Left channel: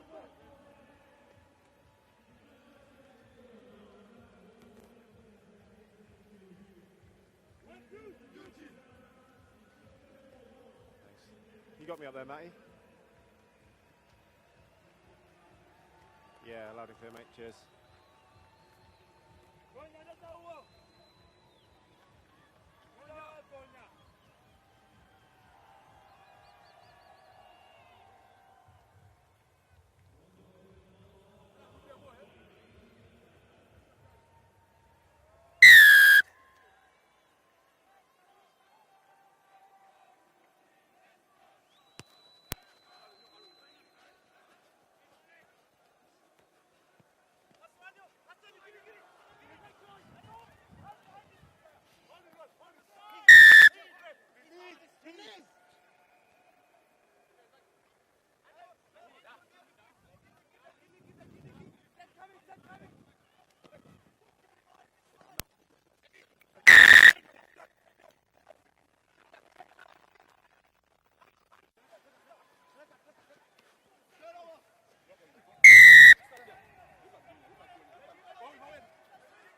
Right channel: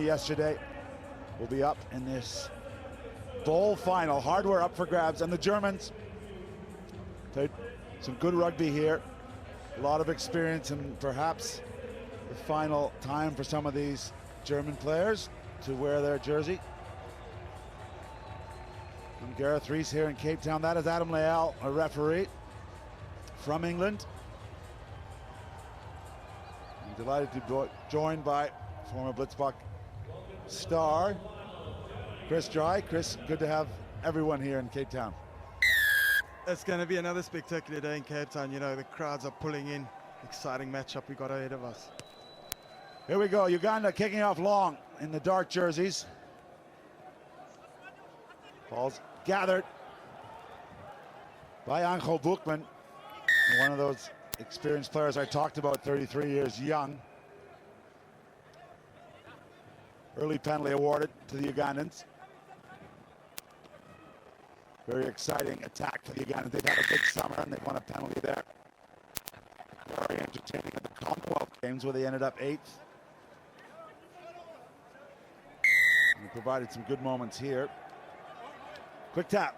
Yesterday will be up in this bowl final. Hardware up for grabs, and the Germans played some good rugby here. A lot of experience, and perhaps the final time for some of these German players to wear their jersey. And Gareth Rees here in Cape Town. That is Adam Leal, a referee from England. I'm delighted to be joined by former Blitzbach star Chris Dry. Chris, good to have everyone here in Cape Town. It's going to be another spectacular day in Cape Town. You know, the crowds are pulling in. Exciting matchup we got ahead of us. Here we go. Uganda kicking off long in the dark jerseys. Ball's gathered by Angel Boekman, one of those experienced players I talked about, 33 years young. Early penalty awarded to the Ugandans. Very exciting attack for the Ugandans. They've had a good summer and they won a penalty there. Very entertaining at the Commonwealth Games where they ended up 8th. They provided some good moments here. Quick tap.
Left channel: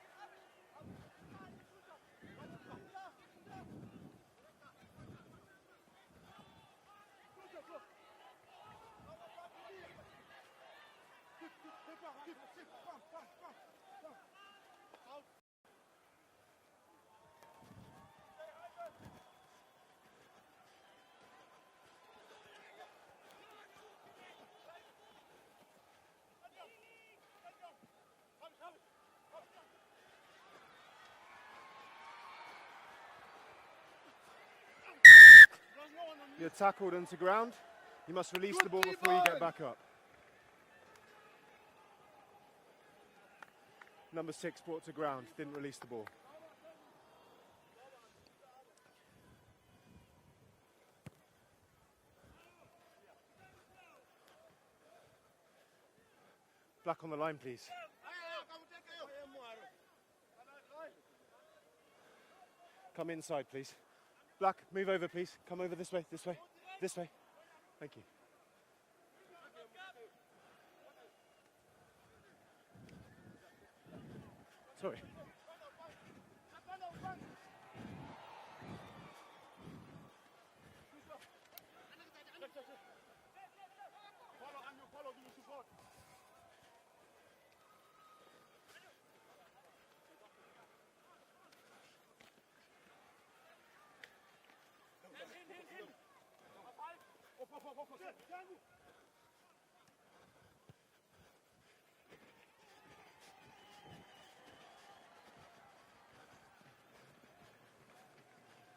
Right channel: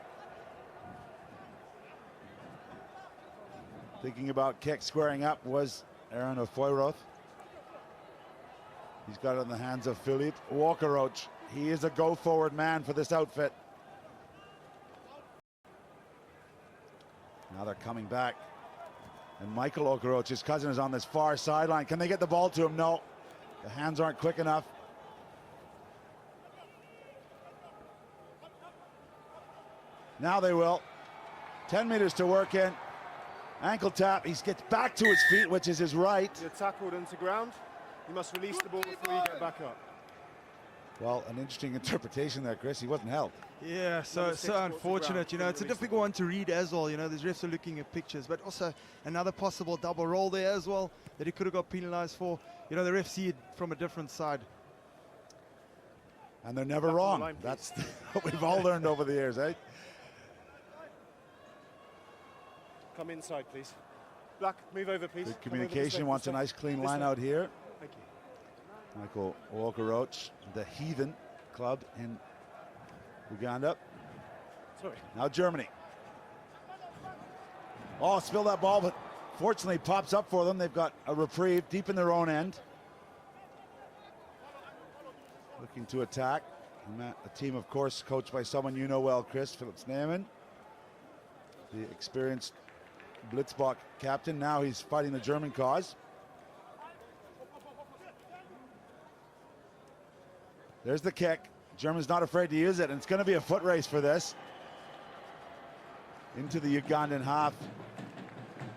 Thinking about kick squaring up was Aaron Ofoyroth. He's got it in the hands of Philippe Walker-Roach. He is a go-forward man for this outfit. Now they're coming back. And Michael Walker-Roach, his cousin, is on this far sideline. Can they get the ball to him? No. The hands aren't quick enough. Now they will. 10 meters to work in. Ankle tap. He gets back to his feet, which is his right. You're tackled into ground. You must release the ball before you get back up. Well, an interesting interpretation there, Chris. He wasn't held. Yeah, so unfortunate. You know, it's a difficult one to read as well. You know, these refs are looking at pictures, but also another possible double roll there as well that he could have got penalized for. You know, the refs see it from a different side. And they're never wrong. Line, that's what we've all learned over the years, eh? Come inside, please. Black, move over, please. Good communication. Wants a nice clean line out here. Thank you. Michael Walker-Roach, the Heathen club in Uganda. Sorry. Now Germany. Oh, spill that ball, but fortunately pops up for them. They've got a reprieve deep in their own end. Looking to attack. A team, of course, coached by someone you know well, Chris, Philip Sneeman, the experienced Blitzbach captain. Now he's fighting the German cause. There's the kick. German's not afraid to use it, and it's going to be a foot race for this. Into the Ugandan half,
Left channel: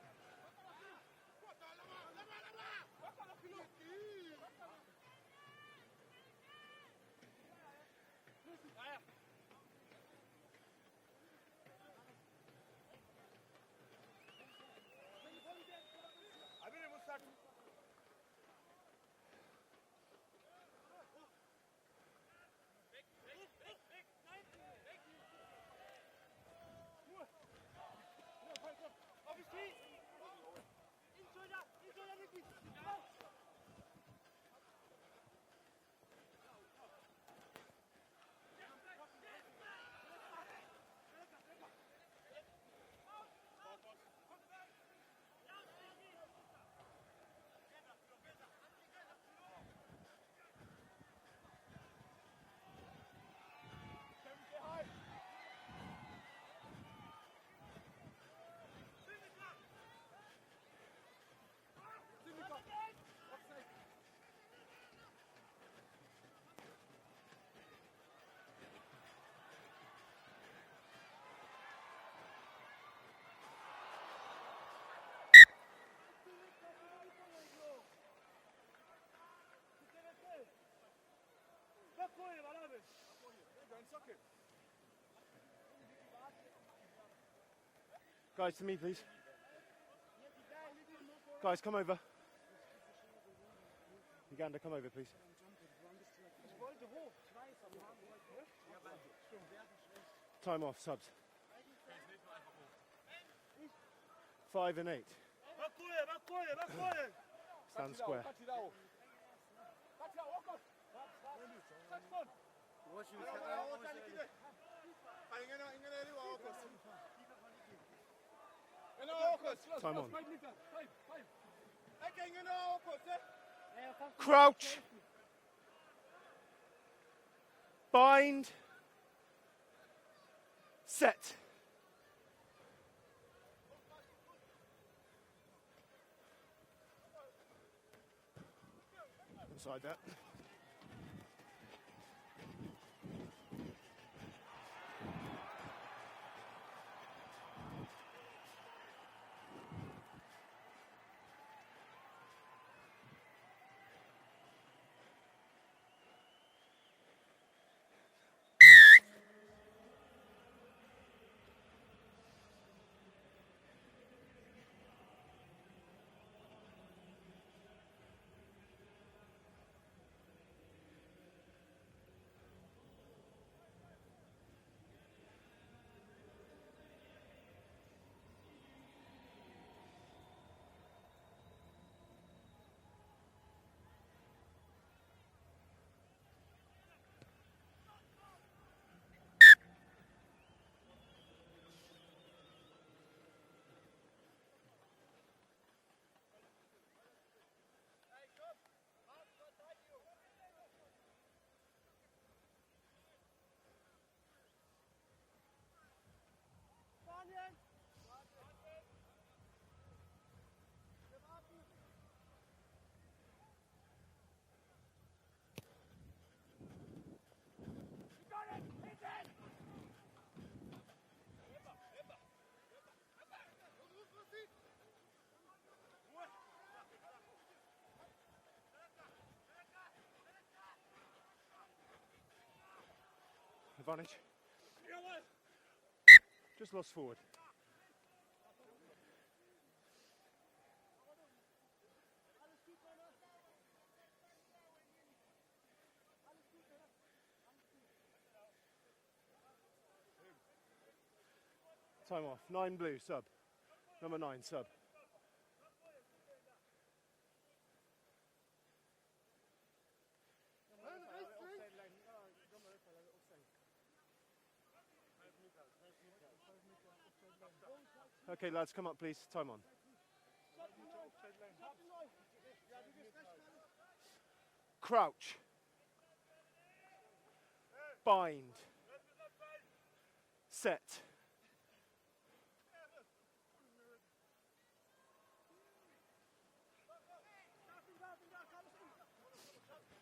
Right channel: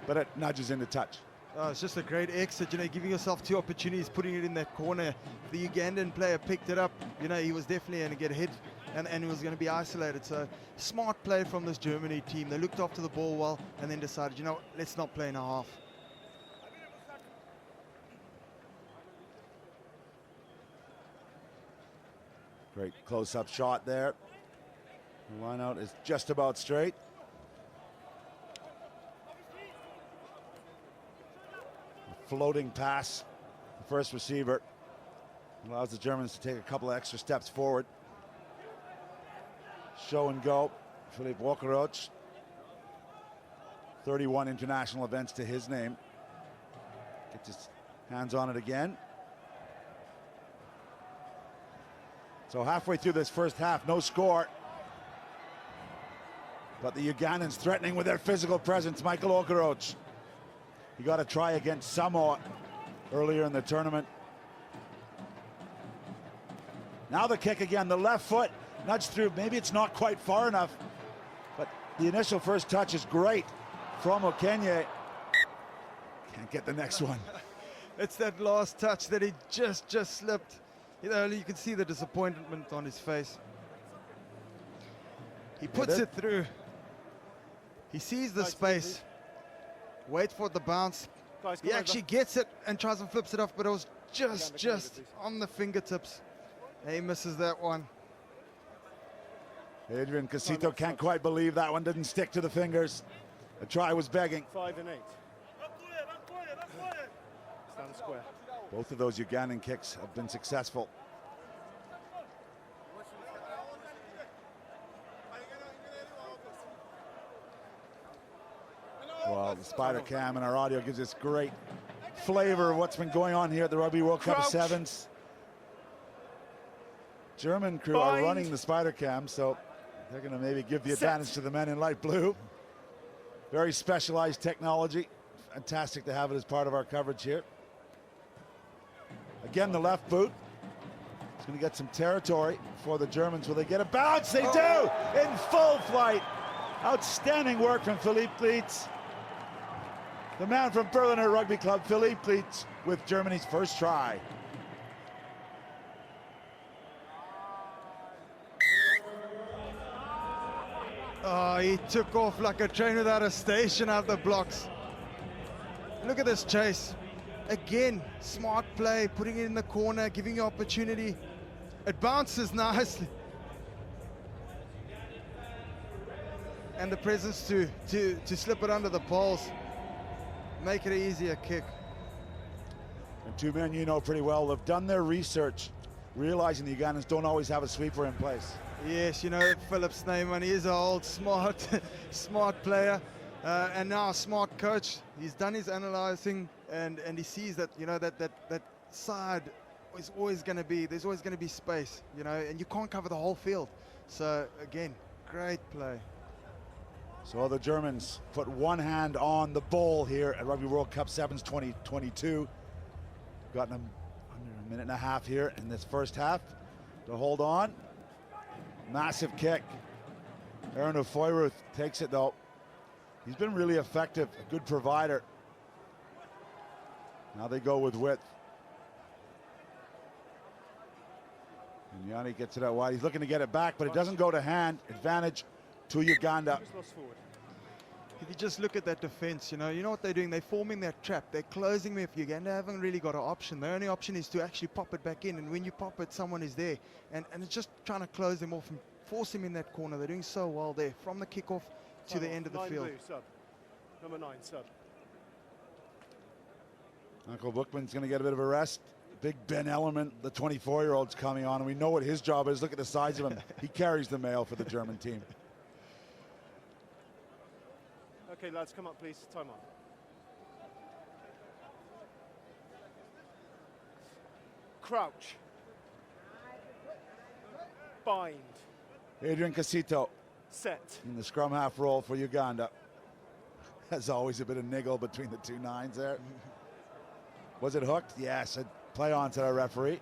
but it nudges into touch. Oh, it's just a great exit, you know, giving yourself two opportunities, putting it in that corner. The Ugandan player picked it up. You know, he was definitely going to get hit, and he was going to be isolated. So smart play from this Germany team. They looked after the ball well, and then decided, you know, let's not play in a half. Great close-up shot there. The line out is just about straight. A floating pass, the first receiver, allows the Germans to take a couple of extra steps forward. Show and go. Philippe Walker-Roach, 31 international events to his name. Gets his hands on it again. So halfway through this first half, no score. But the Ugandans threatening with their physical presence. Michael Walker-Roach. He got a try against Samoa earlier in the tournament. Now the kick again, the left foot nudged through. Maybe it's not quite far enough, but the initial first touch is great from Okenye. Can't get the next one. It's that last touch that he just slipped. You know, you can see the disappointment on his face. He puts it through. He sees the space. Wait for the bounce. Guys, he actually gets it and tries and flips it off, but it was just on the fingertips. He misses that one. Adrian Casito can't quite believe that one didn't stick to the fingers. The try was begging. 5 and 8. Stand square. Both of those Ugandan kicks have been successful. Well, the spider cam and our audio gives us great flavor of what's been going on here at the Rugby World Cup Sevens. German crew are running the spider cam, so they're going to maybe give the advantage to the men in light blue. Very specialized technology. Fantastic to have it as part of our coverage here. Again, the left boot. It's going to get some territory for the Germans. Will they get a bounce? They do! In full flight. Outstanding work from Philippe Pleitz. The man from Berliner Rugby Club, Philippe Pleitz, with Germany's first try. Oh, he took off like a train without a station out the blocks. Look at this chase. Again, smart play, putting it in the corner, giving you opportunity. It bounces nicely. And the presence to slip it under the poles. Make it an easier kick. And two men you know pretty well have done their research, realizing the Ugandans don't always have a sweeper in place. Yes, you know Philip Snyman, he is an old smart player and now a smart coach. He's done his analyzing and he sees that, you know, that side is always going to be, there's always going to be space, you know, and you can't cover the whole field. So again, great play. So the Germans put one hand on the bowl here at Rugby World Cup Sevens 2022. Gotten them under a minute and a half here in this first half to hold on. Massive kick. Aaron Ofoiruth takes it though. He's been really effective, a good provider. Now they go with width. And Yanni gets it out wide. He's looking to get it back, but it doesn't go to hand. Advantage to Uganda. Just lost forward. If you just look at that defense, you know what they're doing? They're forming that trap. They're closing me. If Uganda haven't really got an option, the only option is to actually pop it back in. And when you pop it, someone is there. And it's just trying to close them off and force him in that corner. They're doing so well there, from the kickoff to the end of the field. 9 blue, sub. Number 9, sub. Uncle Bookman's going to get a bit of a rest. Big Ben Element, the 24-year-old's coming on, and we know what his job is. Look at the size of him. He carries the mail for the German team. Okay, lads, come up, please. Time on. Crouch. Bind. Adrian Casito Set. in the scrum half roll for Uganda. There's always a bit of niggle between the two nines there. Was it hooked? Yes, a play on to our referee.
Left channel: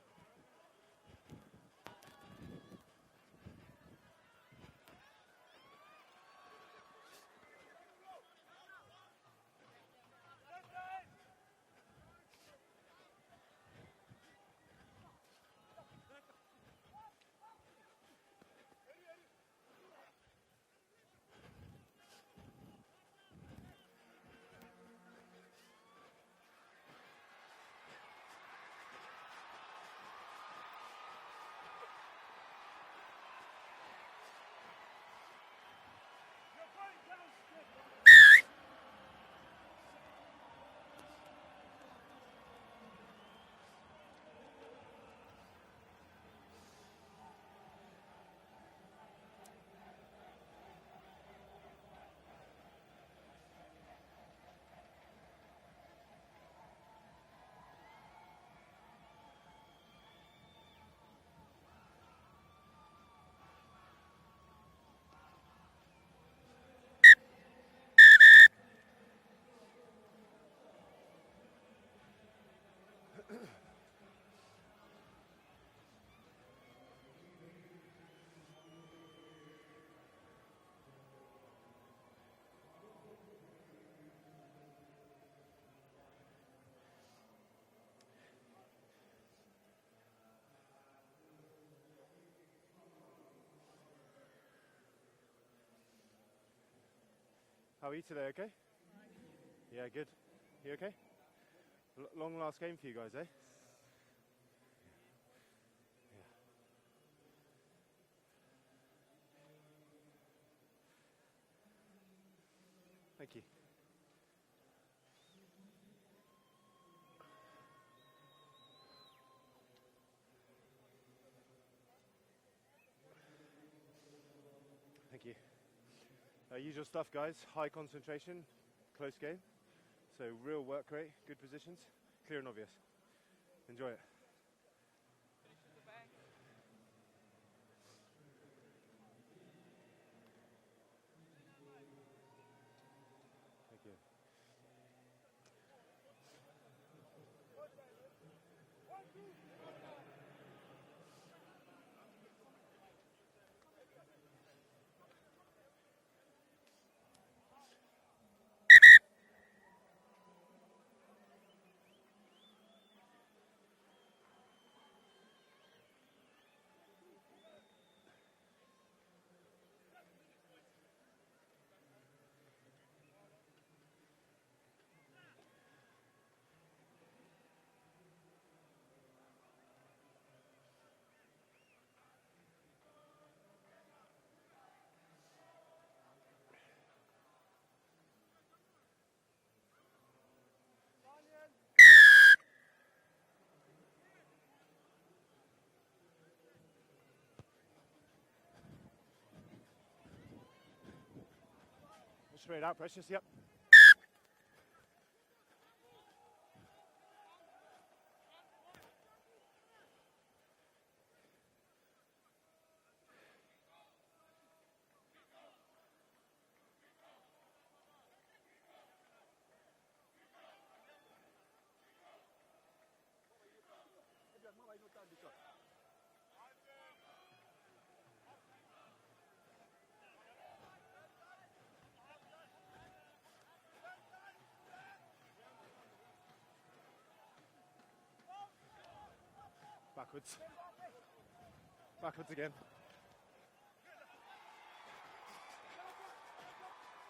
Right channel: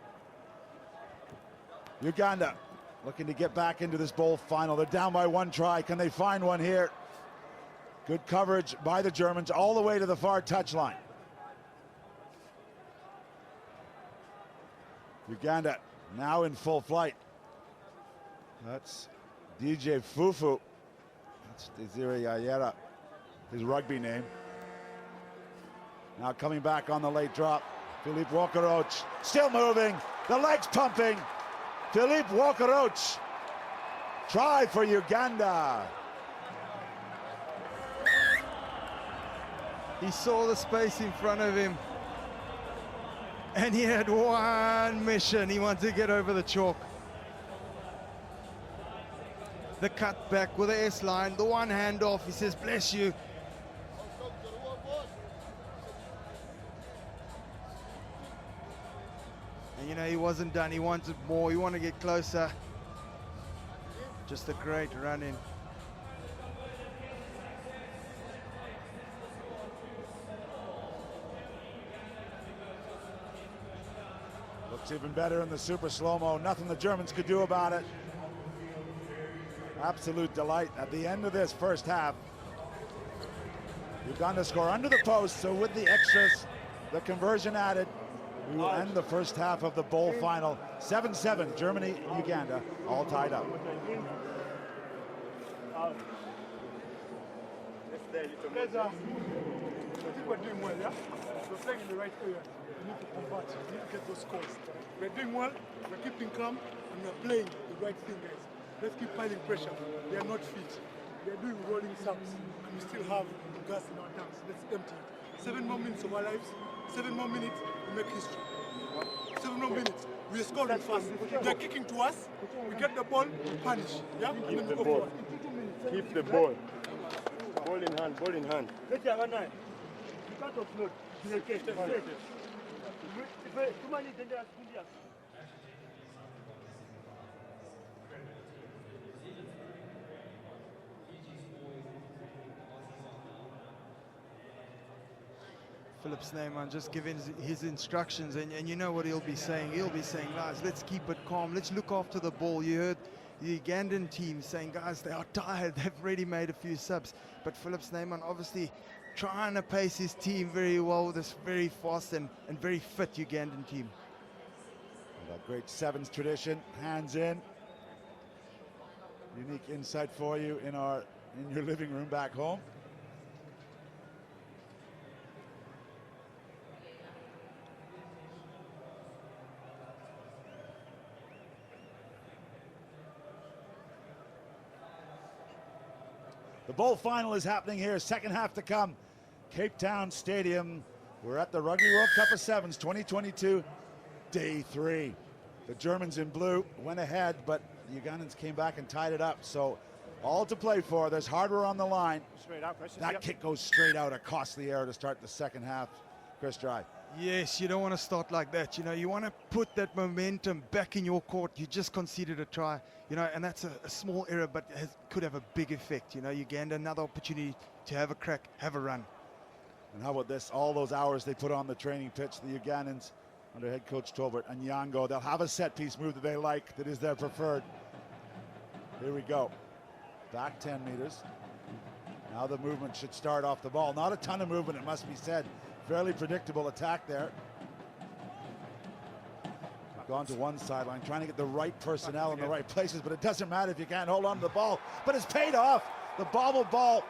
Uganda looking to get back into this bowl final. They're down by one try. Can they find one here? Good coverage by the Germans all the way to the far touchline. Uganda now in full flight. That's DJ Fufu. That's Desiree Yayera, his rugby name. Now coming back on the late drop. Philippe Walker-Roach still moving. The legs pumping. Philippe Walker-Roach. Try for Uganda. He saw the space in front of him. And he had one mission. He wanted to get over the chalk. The cut back with the S line, the one hand off. He says, bless you. And you know, he wasn't done. He wanted more. He wanted to get closer. Just a great run in. Looks even better in the super slow-mo. Nothing the Germans could do about it. Absolute delight at the end of this first half. Uganda score under the post, so with the extras, the conversion added, we will end the first half of the bowl final. 7-7, Germany, Uganda, all tied up. We're doing well, yeah? We're playing in the right way. We need to convert. We need to get those scores. We're doing well, we're keeping calm, and we're playing the right thing, guys. Let's keep piling pressure. They are not fit. They're doing rolling sums, and we still have gas in our tanks. Let's empty it. 7 more minutes of our lives. 7 more minutes, we make history. 7 more minutes. We are scoring fast. They're kicking to us. We get the ball, we punish. Yeah? And then we go forward. Keep the ball. Ball in hand, ball in hand. Philip Snyman just giving his instructions, and you know what he'll be saying. He'll be saying, guys, let's keep it calm. Let's look after the ball. You heard the Ugandan team saying, guys, they are tired. They've already made a few subs. But Philip Snyman obviously trying to pace his team very well with this very fast and very fit Ugandan team. That great sevens tradition, hands in. Unique insight for you in your living room back home. The bowl final is happening here, second half to come. Cape Town Stadium. We're at the Rugby World Cup of Sevens 2022, day 3. The Germans in blue went ahead, but the Ugandans came back and tied it up. So all to play for. There's hardware on the line. Straight out, pressure. That kick goes straight out, a costly error to start the second half. Chris Dry. Yes, you don't want to start like that. You know, you want to put that momentum back in your court. You just conceded a try, you know, and that's a small error, but could have a big effect. You know, Uganda, another opportunity to have a crack, have a run. And how about this? All those hours they put on the training pitch, the Ugandans under head coach Tolbert and Nyango, they'll have a set piece move that they like, that is their preferred. Here we go. Back 10 meters. Now the movement should start off the ball. Not a ton of movement, it must be said. Fairly predictable attack there. Gone to one sideline, trying to get the right personnel in the right places, but it doesn't matter if you can't hold on to the ball. But it's paid off. The bobble ball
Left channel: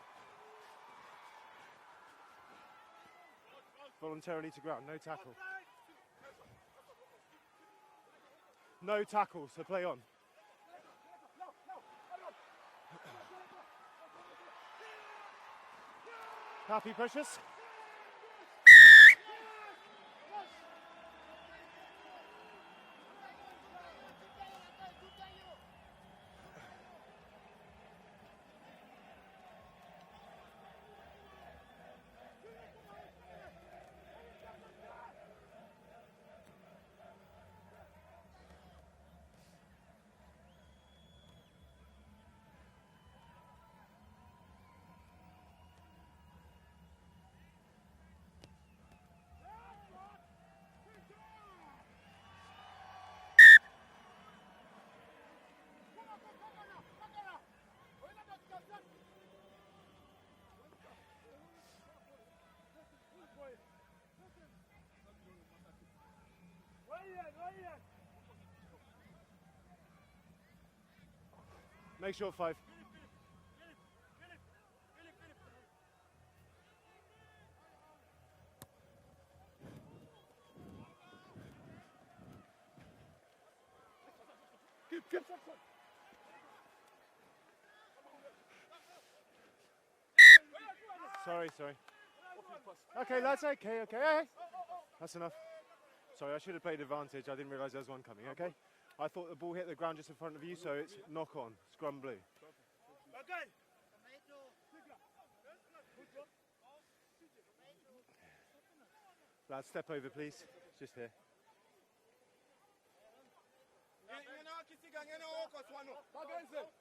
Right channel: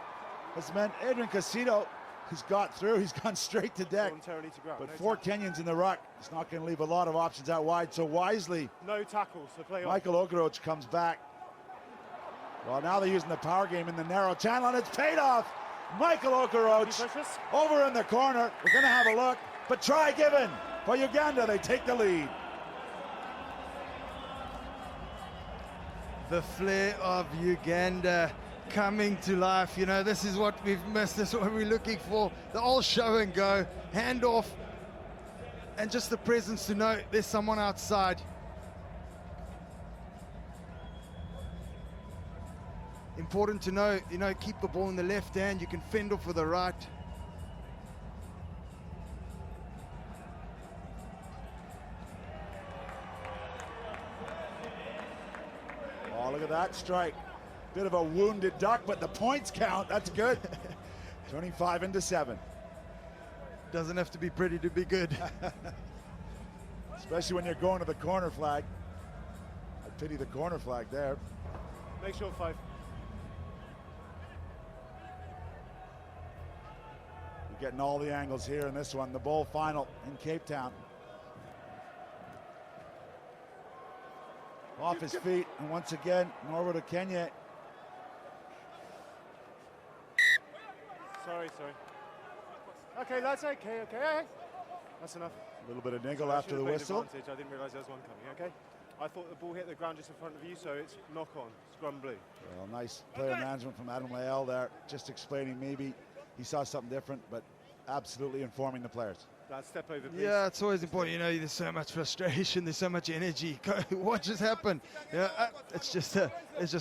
has meant Adrian Casido has got through. He's gone straight to deck. Voluntarily to grab. But No 4 tackles. Kenyans in the ruck. It's not going to leave a lot of options out wide. So wisely, No tackles, so play on. Michael Okoroch comes back. Well, now they're using the power game in the narrow channel, and it's paid off. Michael Okoroch over in the corner. We're going to have a look, but try given for Uganda. They take the lead. The flair of Uganda coming to life. You know, this is what we've missed. This is what we're looking for. The old show and go, handoff, and just the presence to know there's someone outside. Important to know, you know, keep the ball in the left hand. You can fend off with the right. Oh, look at that strike. Bit of a wounded duck, but the points count. That's good. 25-7. Doesn't have to be pretty to be good. Especially when you're going to the corner flag. I pity the corner flag there. Make sure 5. You're getting all the angles here in this one. The bowl final in Cape Town. Off his feet, and once again, Norwood of Kenya. Sorry. Okay, lads, okay. That's enough. A little bit of niggle Sorry, I after should the have played whistle. advantage. I didn't realise there was one coming, okay? I thought the ball hit the ground just in front of you, so it's knock on, scrum blue. Well, nice player management from Adam Lael there, just explaining maybe he saw something different, but absolutely informing the players. That step over, please. Yeah, it's always important. You know, there's so much frustration, there's so much energy. What just happened? You know, it's just a let's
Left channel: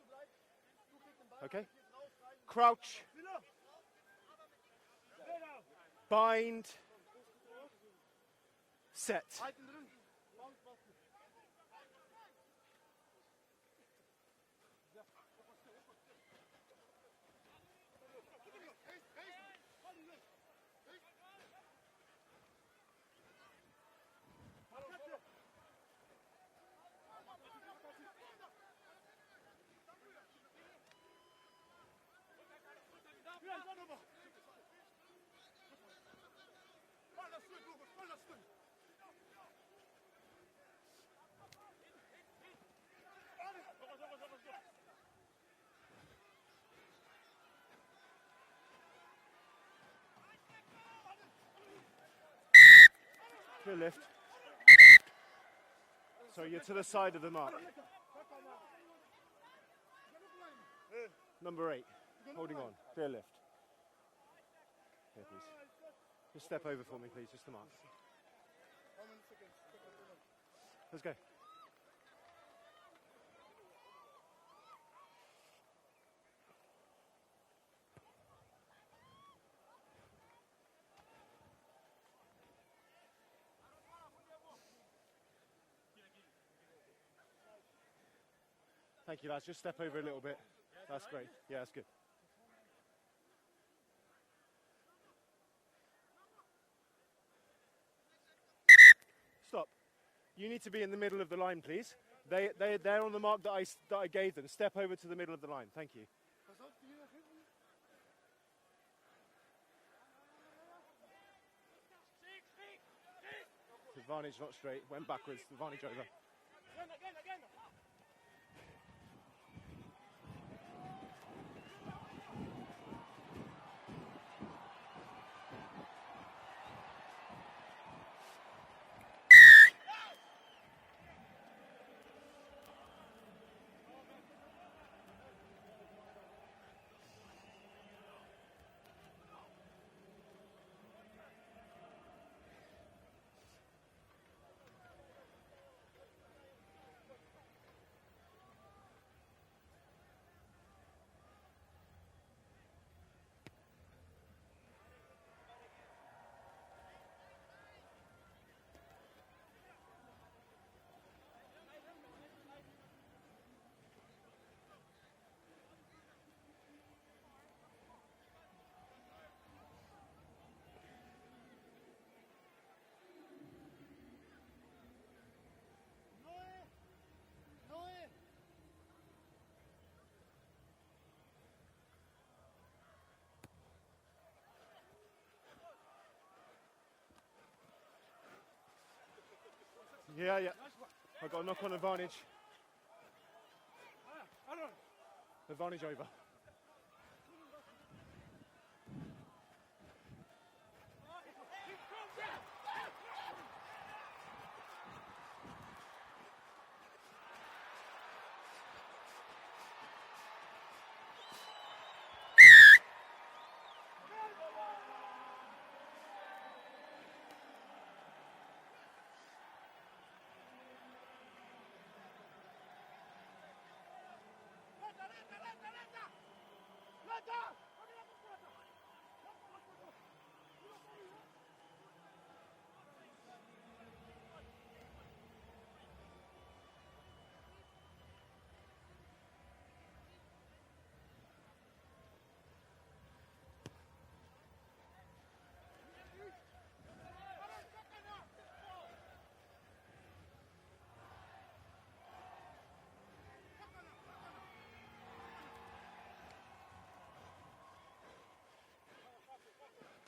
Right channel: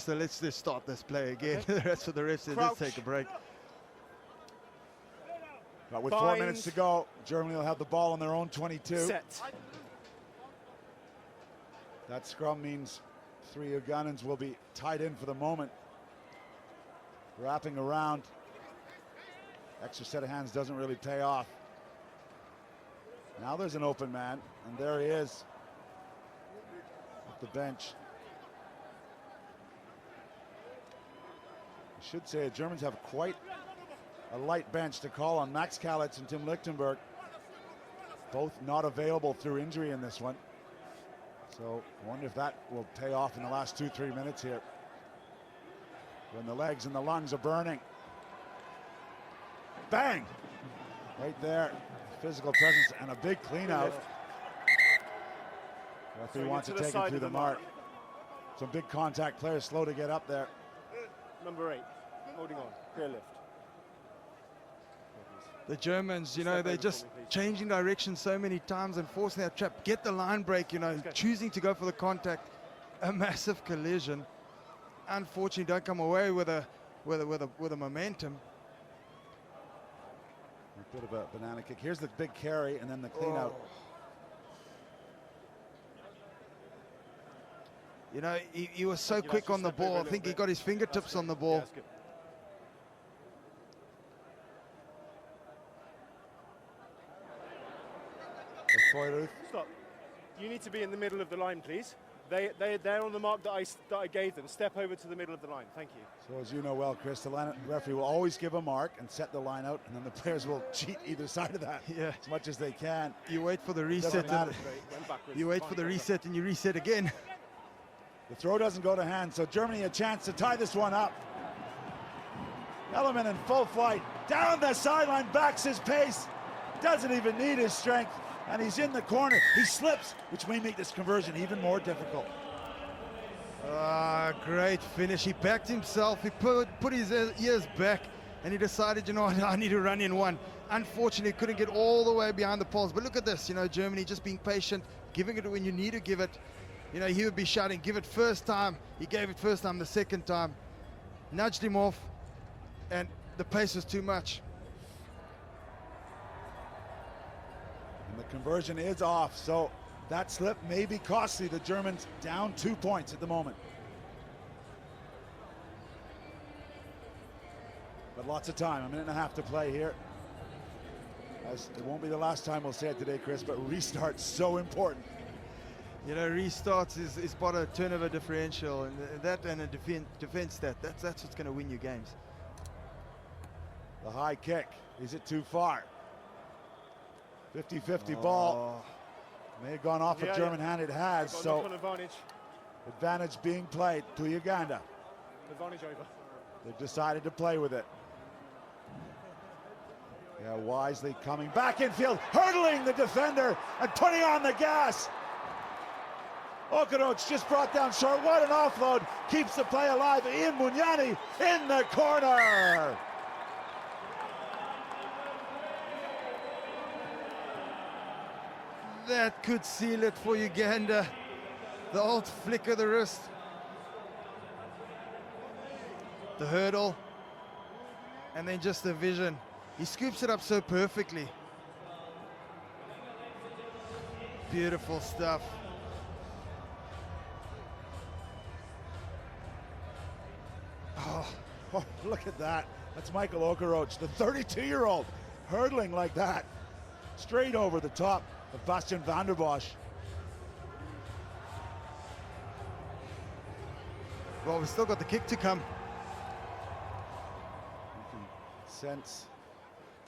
just start this play again. Okay. That's what the ref said. Crouch. Let's take a break. But with 4 minutes to go, Germany will have the ball on their own 22. Set. That scrum means 3 Ugandans will be tied in for the moment. Wrapping around. Extra set of hands doesn't really pay off. Now there's an open man, and there he is at the bench. I should say the Germans have quite a light bench to call on. Max Kalitz and Tim Lichtenberg, both not available through injury in this one. So I wonder if that will pay off in the last 2-3 minutes here, when the legs and the lungs are burning. Bang! Right there. Physical presence and a big clean out. Referee wants to to the take side it of through the the mark. mark. Some big contact players slow to get up there. Number 8. Holding on. Clear lift. The Germans, you Step know, they're over just for me, please. changing direction so many times and forcing that trap. Get the line break, you know, Okay. choosing to go for the contact. A massive collision. Unfortunately, don't come away with a momentum. A bit of a banana kick. Here's the big carry and then the clean out. You know, he was so Thank you, quick lads. on the Just step over ball. a I little think he bit. got his fingertips That's on the great. ball. Yeah, that's good. Stop. You need to be in the middle of the line, please. They're on the mark that I gave them. Step over to the middle of the line. Thank you. So as you know well, Chris, the referee will always give a mark and set the line out, and then the players will cheat either side of that Yeah. as much as they can. You wait for the reset. matter. Went backwards. You wait for the reset and you reset again. The throw doesn't go to hand, so Germany a chance to tie this one up. Ellerman in full flight, down the sideline, backs his pace, doesn't even need his strength, and he's in the corner. He slips, which may make this conversion even more difficult. Ah, great finish. He backed himself. He put his ears back, and he decided, you know what, I need to run in one. Unfortunately, couldn't get all the way behind the poles. But look at this, you know, Germany just being patient, giving it when you need to give it. You know, he would be shouting, give it first time. He gave it first time, the second time. Nudged him off, and the pace was too much. And the conversion is off, so that slip may be costly. The Germans down 2 points at the moment. But lots of time, a minute and a half to play here. As it won't be the last time we'll say it today, Chris, but restart's so important. You know, restarts is but a turnover differential, and that and a defense stat. That's what's going to win you games. The high kick, is it too far? 50-50 ball. May have gone off a German hand, it has. Got a So knock-on advantage. advantage being played to Uganda. Advantage over. They've decided to play with it. Yeah, wisely coming back infield, hurdling the defender and putting on the gas. Okoroch just brought down short. What an offload. Keeps the play alive. Ian Munyani in the corner. That could seal it for Uganda. The old flick of the wrist. The hurdle. And then just the vision. He scoops it up so perfectly. Beautiful stuff. Oh, look at that. That's Michael Okoroch, the 32-year-old, hurdling like that. Straight over the top of Bastian van der Bosch. Well, we've still got the kick to come. You can sense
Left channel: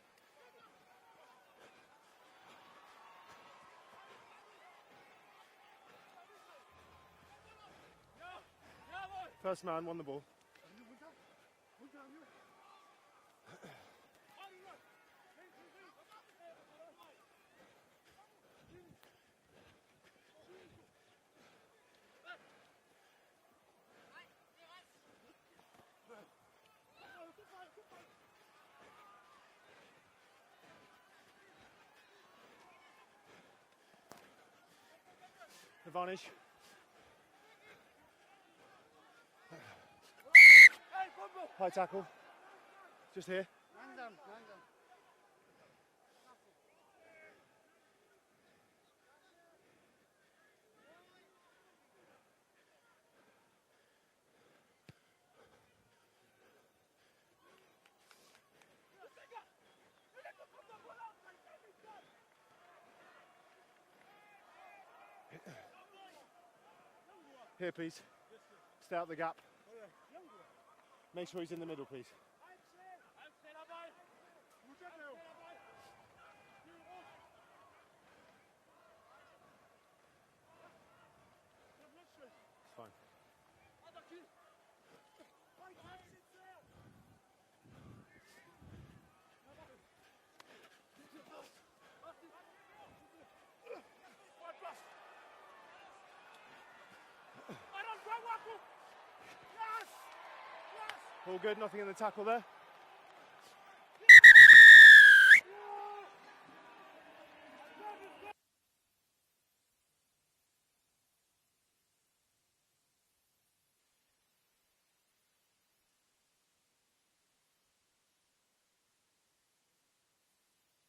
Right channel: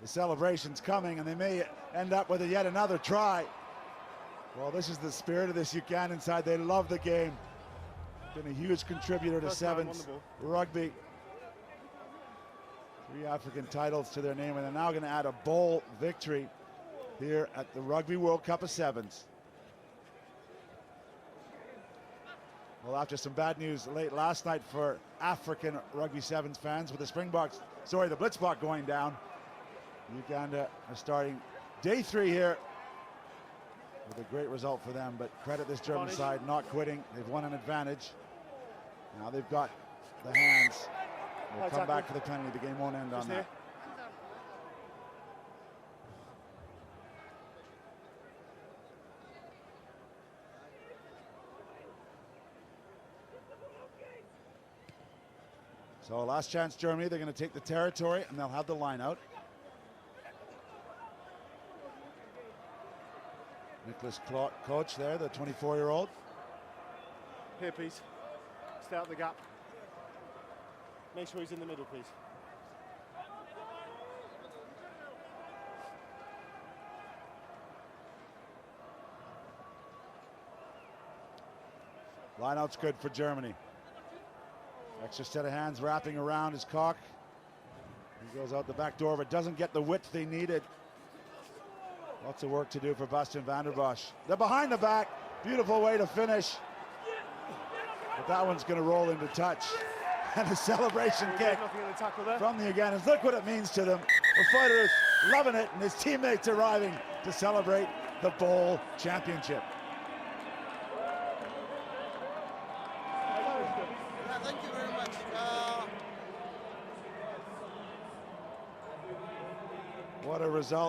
the celebrations coming, and they may end up with yet another try. Well, this is the spirit of this Ugandan side. They love the game. Been a huge contributor to First man sevens won the ball. rugby. 3 African titles to their name, and they're now going to add a bowl victory here at the Rugby World Cup of Sevens. Well, after some bad news late last night for African Rugby Sevens fans with the the Blitzbach going down, Uganda are starting day 3 here with a great result for them, but credit this German side not quitting. They've won an advantage. Now they've got the hands. They'll come back for the penalty. The game won't end on that. So last chance Germany, they're going to take the territory and they'll have the line out. Nicholas Koch there, the 24-year-old. Here, please. Stay out the gap. Make sure he's in the middle, please. Lineout's good for Germany. Extra set of hands wrapping around his cock. He goes out the back door, but doesn't get the width they needed. Lots of work to do for Bastian van der Bosch. They're behind the back. Beautiful way to finish. But that one's going to roll into touch. And a celebration All kick good, nothing in the tackle there. from the Ugandans. Look what it means to them. The fighters loving it, and his teammates arriving to celebrate the bowl championship. Thank you very much. What a result.